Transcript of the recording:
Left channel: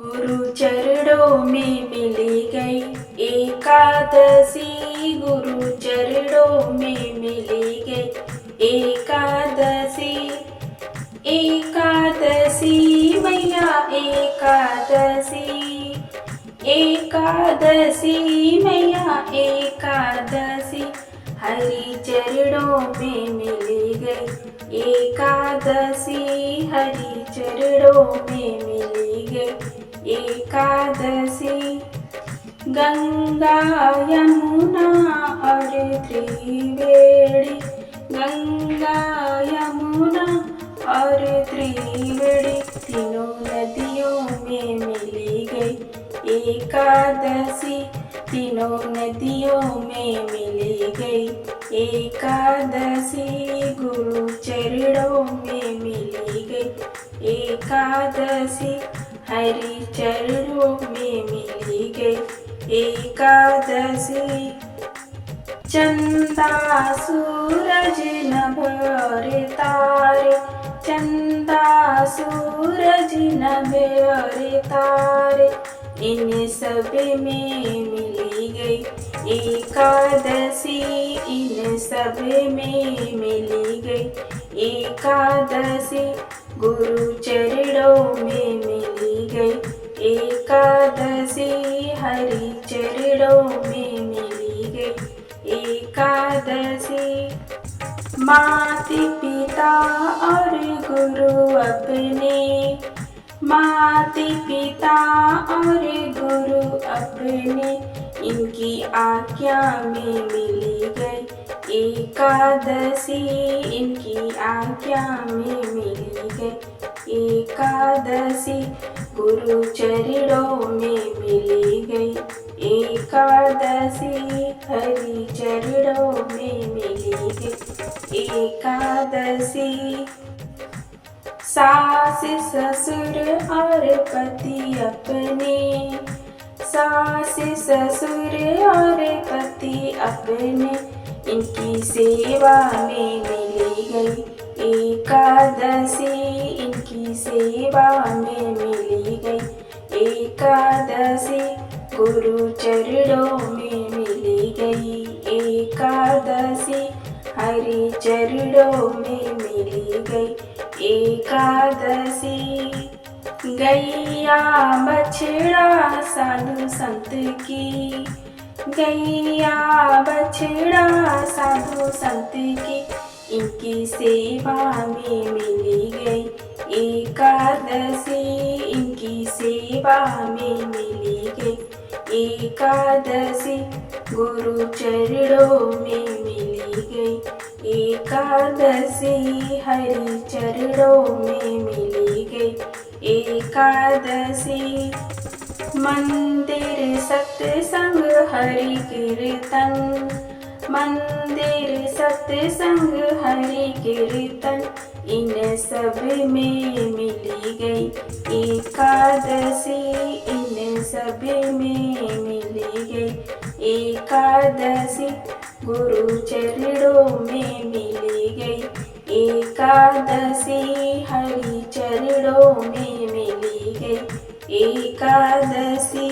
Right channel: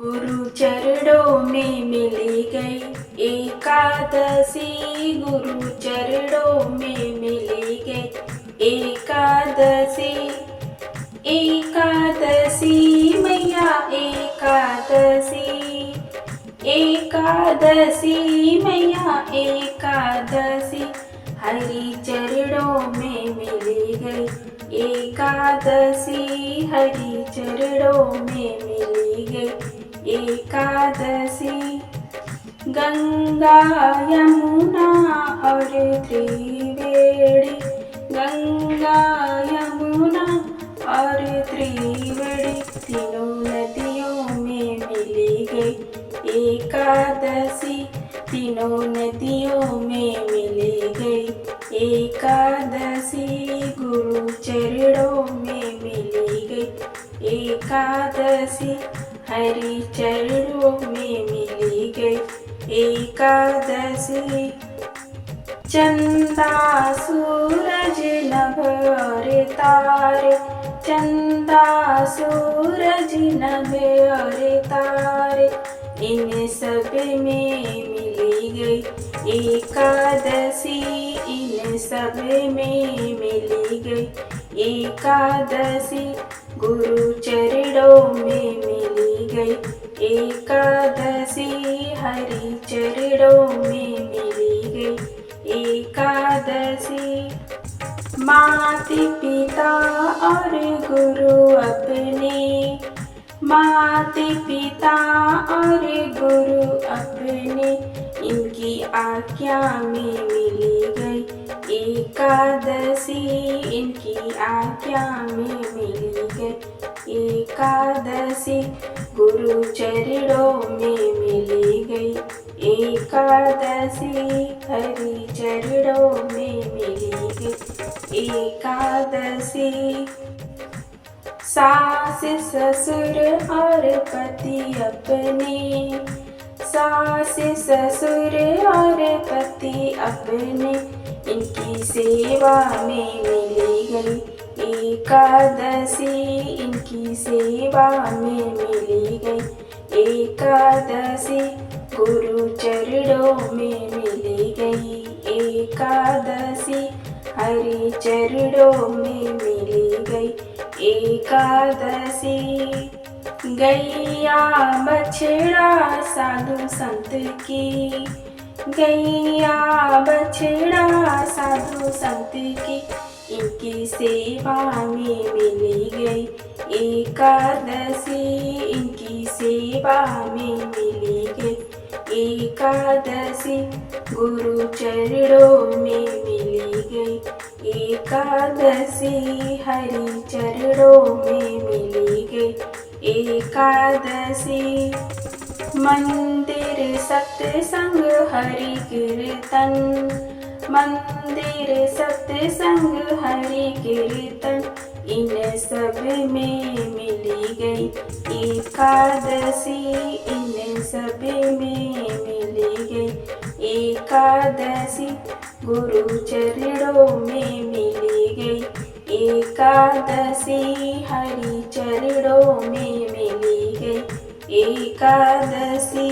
गुरु चरणों में मिली गई एकादशी, गुरु चरणों में मिली गई एकादशी। एकादशी मैया एकादशी, एकादशी मैया एकादशी, हरि चरणों में मिली गई एकादशी, हरि चरणों में मिली गई एकादशी। गंगा यमुना और त्रिवेणी, गंगा यमुना और त्रिवेणी, तीनों नदियों में मिली गई एकादशी, तीनों नदियों में मिली गई एकादशी। गुरु चरणों में मिली गई एकादशी, हरि चरणों में मिली गई एकादशी। चंदा सूरज नभ और तारे, चंदा सूरज नभ और तारे, इन सब में मिली गई एकादशी, इन सब में मिली गई एकादशी। गुरु चरणों में मिली गई एकादशी, हरि चरणों में मिली गई एकादशी। माता पिता और गुरु अपने, माता पिता और गुरु अपने, इनकी आज्ञा में मिली गई एकादशी, इनकी आज्ञा में मिली गई एकादशी। गुरु चरणों में मिली गई एकादशी, हरि चरणों में मिली गई एकादशी। सास ससुर और पति अपने, सास ससुर और पति अपने, इनकी सेवा में मिली गई एकादशी, इनकी सेवा में मिली गई एकादशी। गुरु चरणों में मिली गई एकादशी, हरि चरणों में मिली गई एकादशी। गैया बछड़ा साधु संत की, गैया बछड़ा साधु संत की, इनकी सेवा में मिली गई एकादशी, इनकी सेवा में मिली गई एकादशी। गुरु चरणों में मिली गई एकादशी, हरि चरणों में मिली गई एकादशी। मंदिर सत्संग हरि कीर्तन, मंदिर सत्संग हरि कीर्तन, इन सब में मिली गई एकादशी, इन सब में मिली गई एकादशी। गुरु चरणों में मिली गई एकादशी, हरि चरणों में मिली गई एकादशी।